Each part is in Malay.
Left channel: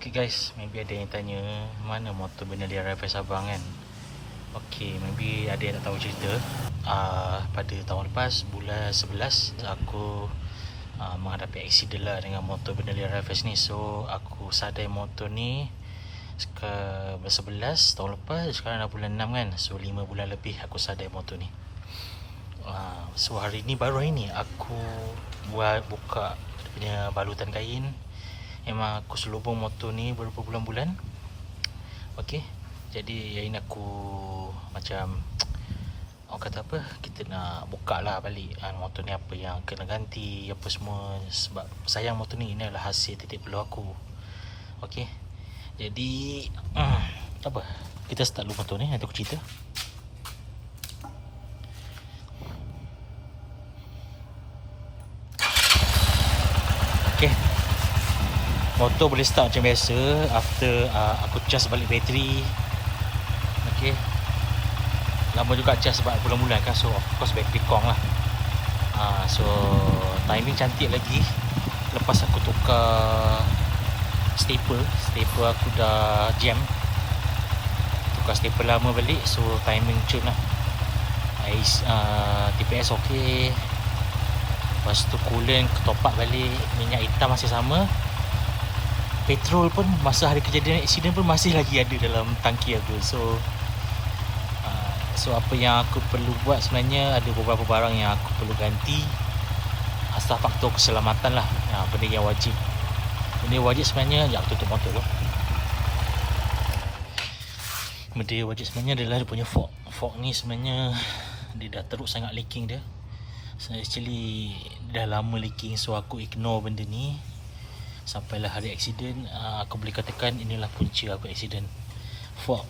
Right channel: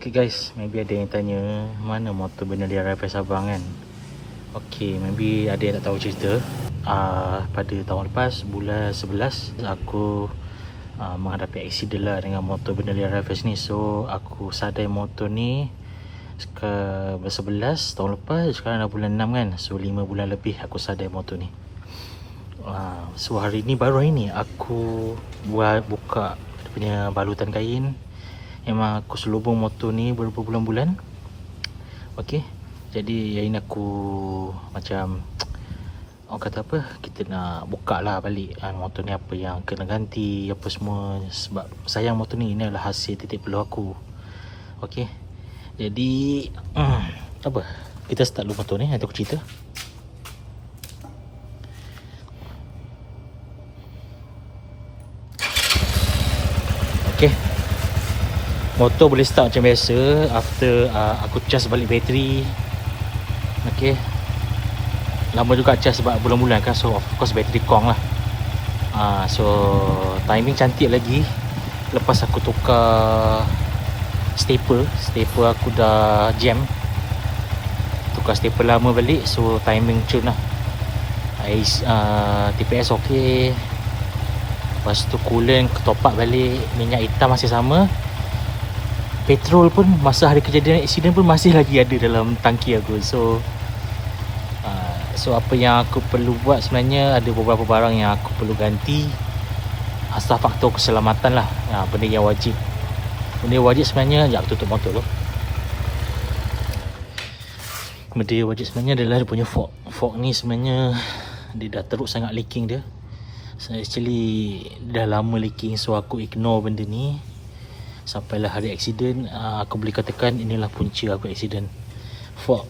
Okay guys, maybe ada yang tanya mana motor Benelli RFS abang kan. Okay, maybe ada yang tak tahu cerita. Pada tahun lepas, bulan 11, aku menghadapi accident lah dengan motor Benelli RFS ni. So, aku sadai motor ni bulan 11 tahun lepas, sekarang dah bulan 6 kan. So, 5 bulan lebih aku sadai motor ni. So, hari ni, baru hari ni, aku buka dia punya balutan kain. Memang aku selubung motor ni beberapa bulan-bulan. Okay, jadi yang ini aku macam orang kata apa, kita nak buka lah balik motor ni, apa yang kena ganti, apa semua. Sebab sayang motor ni, ini adalah hasil titik peluh aku. Okay, jadi apa, kita start dulu motor ni, nanti aku cerita. Okay, motor boleh start macam biasa after aku cas balik bateri. Okay, lama juga cas sebab bulan-bulan kan. So of course bateri kong lah. So timing cantik lagi. Lepas aku tukar staple aku dah jam, tukar staple lama balik. So timing cun lah. TPS ok. Lepas tu coolant top up balik. Minyak hitam masih sama. Petrol pun masa hari kejadian accident pun masih lagi ada dalam tangki aku. So apa yang aku perlu buat sebenarnya, ada beberapa barang yang aku perlu ganti asal faktor keselamatan lah. Benda yang wajib. Benda yang wajib sebenarnya, sekejap aku tutup motor dulu. Benda yang wajib sebenarnya adalah dia punya fork. Fork ni sebenarnya dia dah teruk sangat leaking dia. So actually dah lama leaking, so aku ignore benda ni sampailah hari accident. Aku boleh katakan inilah punca aku accident, fork.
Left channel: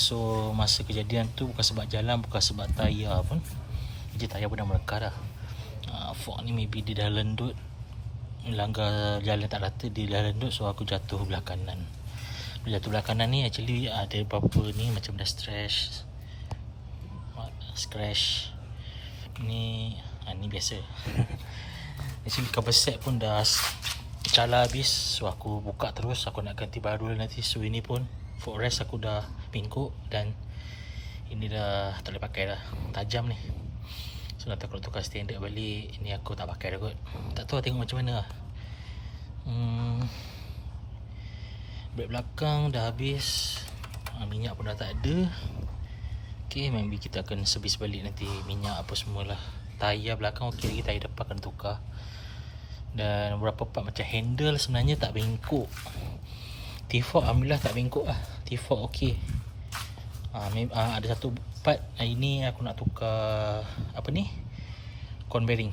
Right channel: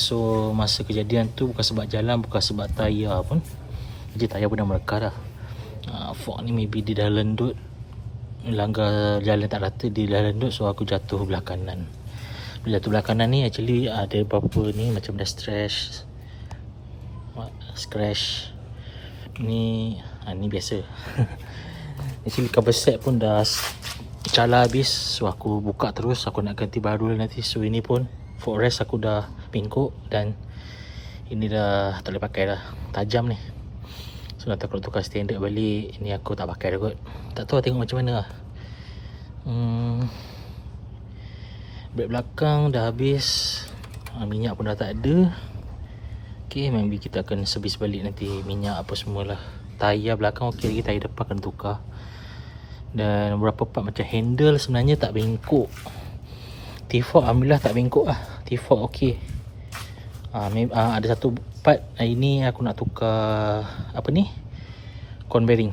So masa kejadian tu bukan sebab jalan, bukan sebab tayar pun. Jadi tayar pun dah melekar dah. Fork ni maybe dia dah lendut, langgar jalan tak rata, dia dah lendut. So aku jatuh belah kanan. Jatuh belah kanan ni actually ada beberapa ni macam dah scratch ni. Ni biasa. Actually cover set pun dah cala habis. So aku buka terus, aku nak ganti baru lah nanti. So ini pun footrest aku dah pingkuk dan ini dah tak boleh pakai dah, tajam ni. So nanti kalau tukar standard balik, ini aku tak pakai dah kot. Tak tahu lah, tengok macam mana lah. Brake belakang dah habis, minyak pun dah tak ada. Okay, maybe kita akan servis balik nanti minyak apa semualah. Tayar belakang ok lagi, tayar depan akan tukar. Dan beberapa part macam handle sebenarnya tak bengkok. T-fork alhamdulillah tak bengkok lah. T-fork ok. Ada satu part ini aku nak tukar apa ni, con bearing,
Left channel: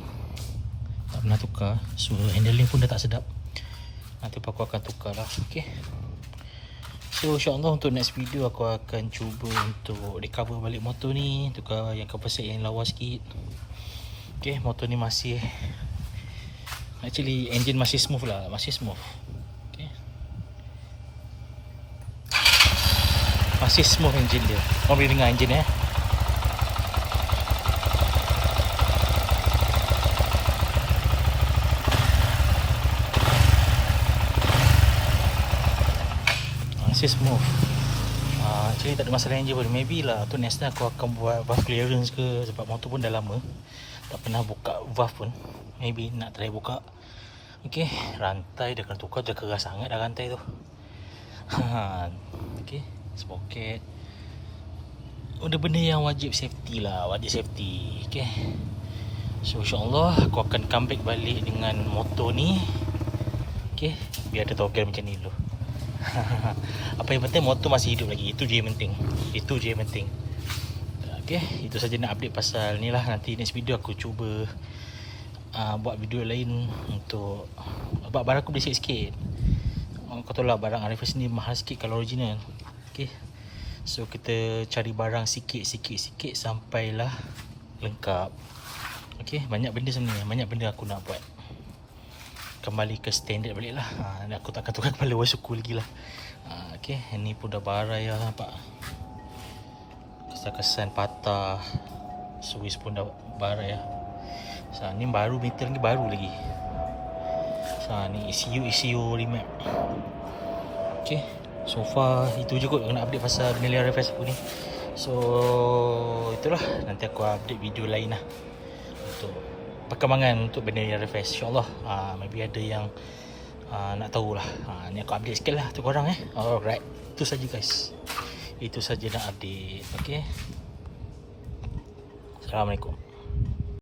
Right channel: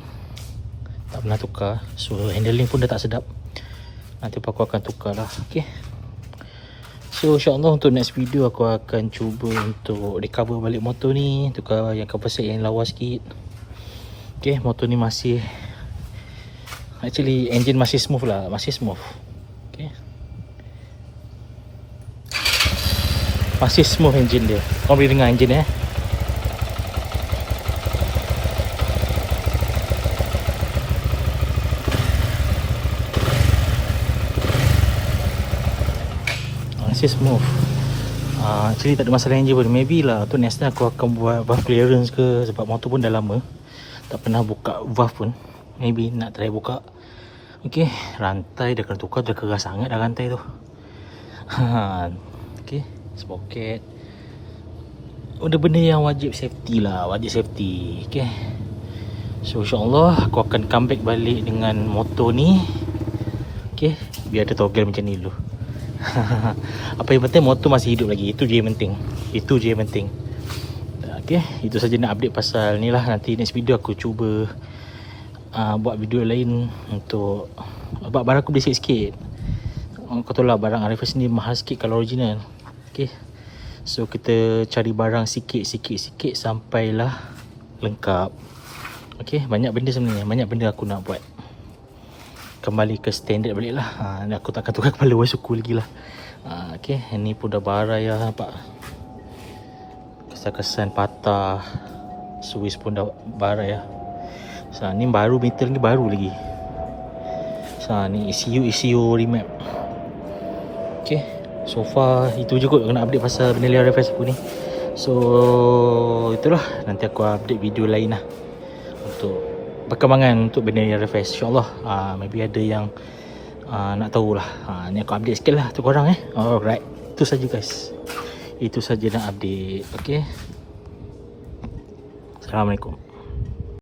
tak pernah tukar. So handling pun dah tak sedap. Nanti aku akan tukar lah. Ok, so insyaAllah untuk next video aku akan cuba untuk recover balik motor ni, tukar yang cover set yang lawa sikit. Ok, motor ni masih, actually engine masih smooth lah, masih smooth. Okay, masih smooth engine dia. Kau boleh dengar engine masih smooth. Actually tak ada masalah engine pun. Maybe lah tu next time aku akan buat valve clearance ke, sebab motor pun dah lama tak pernah buka valve pun. Maybe nak try buka. Ok, rantai dah kena tukar, dah keras sangat dah rantai tu. Ok, sprocket. Benda yang wajib safety lah, wajib safety. Ok, so insyaAllah aku akan comeback balik dengan motor ni. Ok, biar ada toggle macam ni dulu. Apa yang penting motor masih hidup lagi, itu je yang penting. Itu je yang penting. Ok, itu saja nak update pasal ni lah. Nanti next video aku cuba buat video lain untuk barang aku beli sikit-sikit. Kau tahu lah barang RFS ni mahal sikit kalau original. Ok, so kita cari barang sikit-sikit sampailah lengkap. Ok, banyak benda sebenarnya, banyak benda aku nak buat kembali ke standard balik lah. Aku takkan tukar kepala voice suku lagi lah. Ok, ni pun dah barai lah, nampak kesan-kesan patah. Suis pun dah barai lah. So ni baru, metal ni baru lagi. Ni ECU remap. Okay, so far itu je kot nak update pasal Benelia Refresh aku ni. So itulah, nanti aku update video lain lah untuk perkembangan untuk Benelia Refresh, InsyaAllah. Maybe ada yang nak tahulah. Ni aku update sikit lah tu korang Alright, itu saja guys. Itu saja nak update. Okay, Assalamualaikum.